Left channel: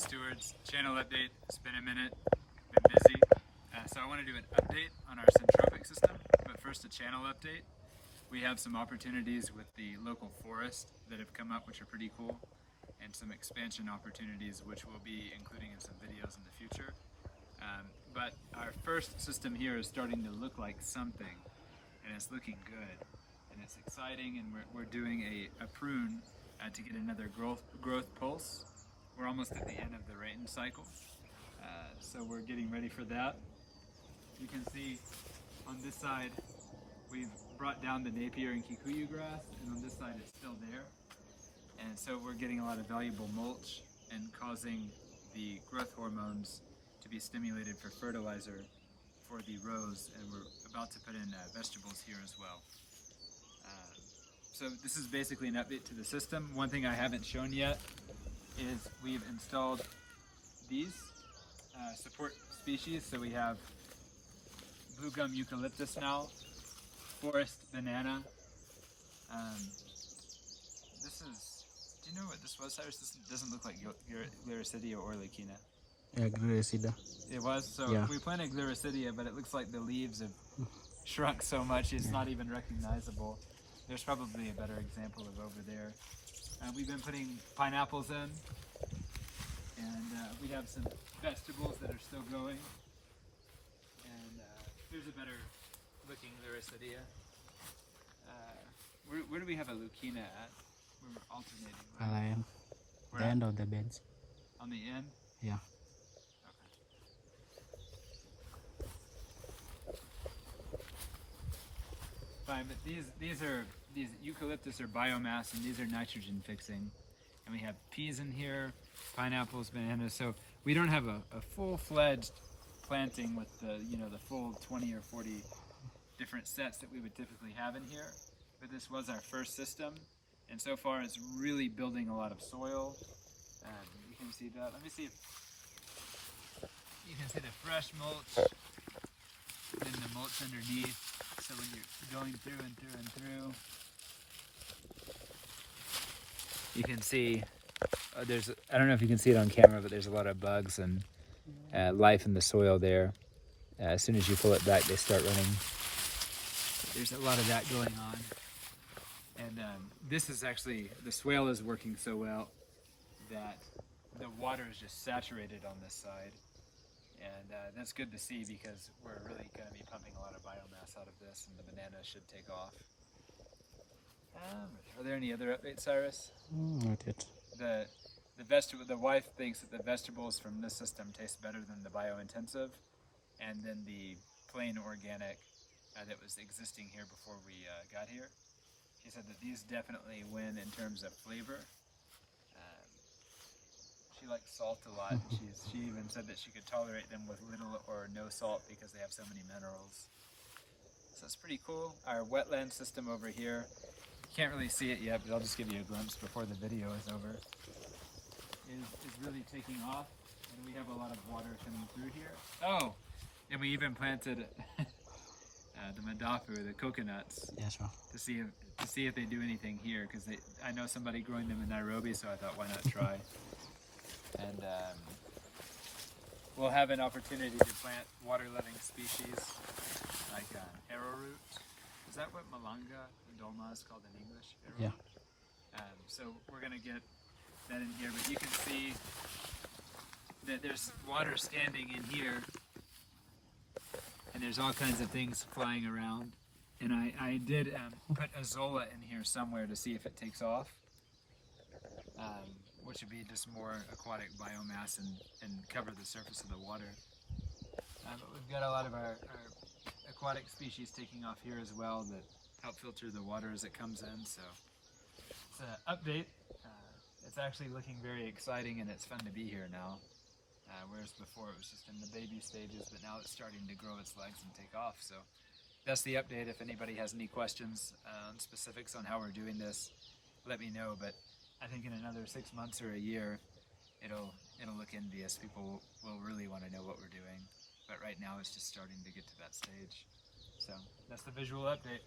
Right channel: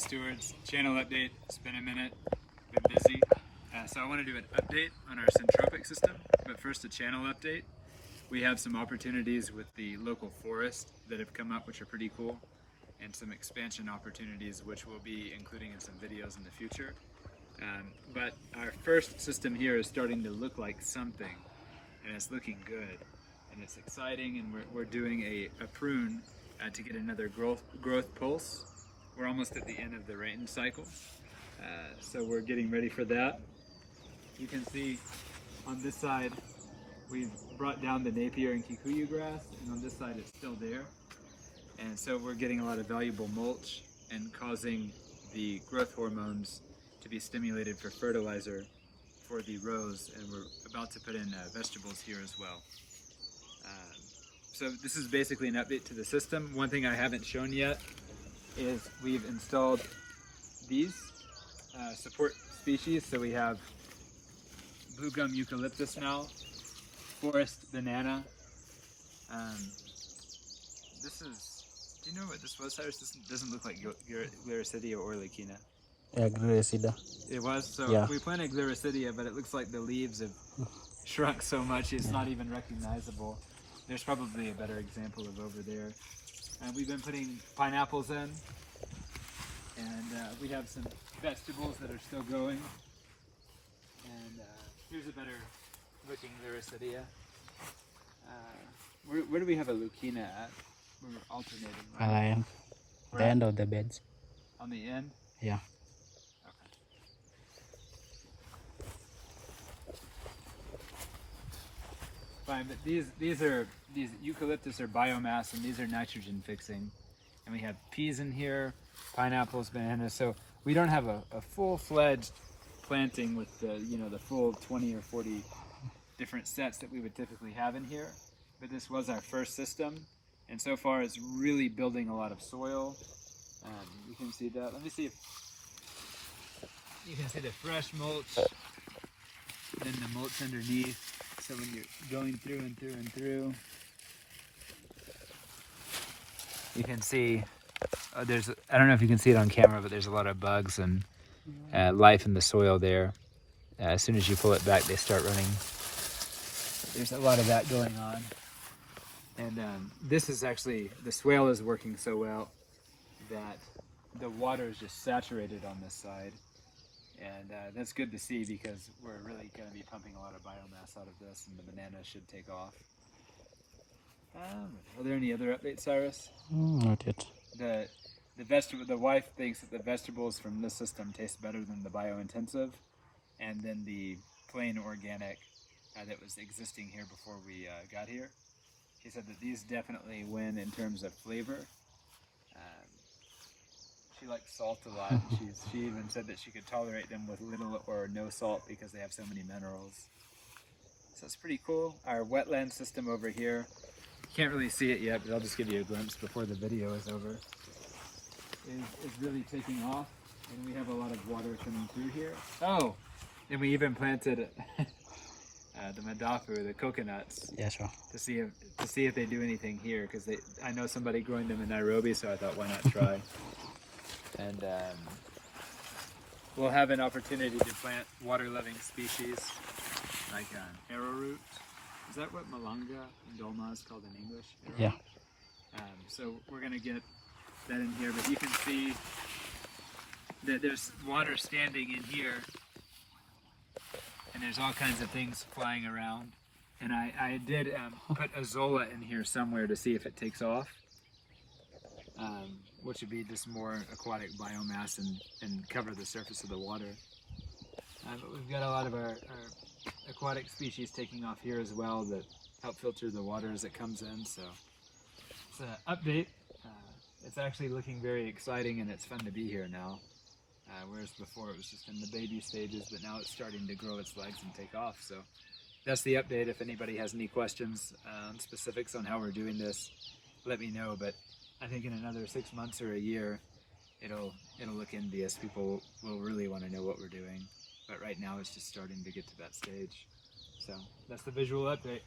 stewards, channel update. It's been a minute, been busy. So I want to do an update on our Syntropic system, but first a channel update. We have some opportunities with the local forest that have come up, which are pretty cool, and some expansion opportunities, which we'll be including in some videos in the future. But our first system here is starting to look like something, and it's looking good, and it's exciting, and we're doing a prune to get another growth pulse. We're almost at the end of the rain cycle, so we're getting ready for that. You can see on this side we've brought down the Napier and Kikuyu grass, and on this side it's still there. And so we're getting a lot of valuable mulch and causing the growth hormones to be stimulated for fertilizer for the rows, and we're about to put in vegetables here as well. So this is basically an update to the system. One thing I haven't shown yet is we've installed these support species. So we have blue gum eucalyptus now, forest banana. This is, do you know what this was, Cyrus? This doesn't look like Gliricidia or Leukina. Yeah, Gliricidia. It was? So yeah. We planted Gliricidia, but it looks like the leaves have shrunk so much it's not even recognizable. There's probably a better example of over there. We've been putting pineapples in, and we have some vegetables that are still growing. And here's a better looking Gliricidia. Where do we have a Leukina at? We're alternating. Right? The end of the beds. On the end? Yeah. Fine, but these eucalyptus are biomass, and these are nitrogen fixing. And we have peas in here, pineapples, bananas. So we don't have a full-fledged planting with the the full 20 or 40 different sets that we would typically have in here. But this was our first system, and so far it's really building a lot of soil. You can see that. Let me see if you can see the fresh mulch, then the mulch underneath. So when you're going through and through and through, you can see I don't know if you can see it on camera, but there's a lot of bugs and life in the soil there. As soon as you pull it back, they start running. There's a lot of that going on. And this is actually, the swale is working so well that the water is just saturated on this side. And that's good to see, because we're really going to be pumping a lot of biomass out of this, and the bananas should take off. Are there any other updates, Cyrus? Not yet. The wife thinks that the vegetables from this system taste better than the bio-intensive, and then the plain organic that was existing here before we got here. She said that these definitely win in terms of flavor. She likes salt a lot. She even said that she could tolerate them with little or no salt because they have so many minerals. So it's pretty cool. Our wetland system over here, you can't really see it yet, but I'll just give you a glimpse before the video is over, is really taking off, and we have a lot of water coming through here. Oh, and we even planted the madafu, the coconuts, Yeah, sure. to see if they do anything here, because I know somebody growing them in Nairobi, so I thought, why not try? And we'll have an opportunity to plant water-loving species like arrowroot. Is that what malanga in Dolma is called in English? Yeah. So we're going to get that in here, but you can see that there's water standing in here, and there's all kinds of things flying around. And I did put azolla in here somewhere to see if it takes off. Which would be just more aquatic biomass and cover the surface of the water. But we've got a lot of our aquatic species taking off here as well that help filter the water as it comes in. So it's an update. It's actually looking very exciting, and it's fun to be here now. Whereas before it was just in the baby stages, but now it's starting to grow its legs and take off. So that's the update. If anybody has any questions on specifics on how we're doing this, let me know. But I think in another 6 months or a year, it'll look envious. People will really want to know what we're doing. But right now it's just starting to get to that stage. So that's the visual update.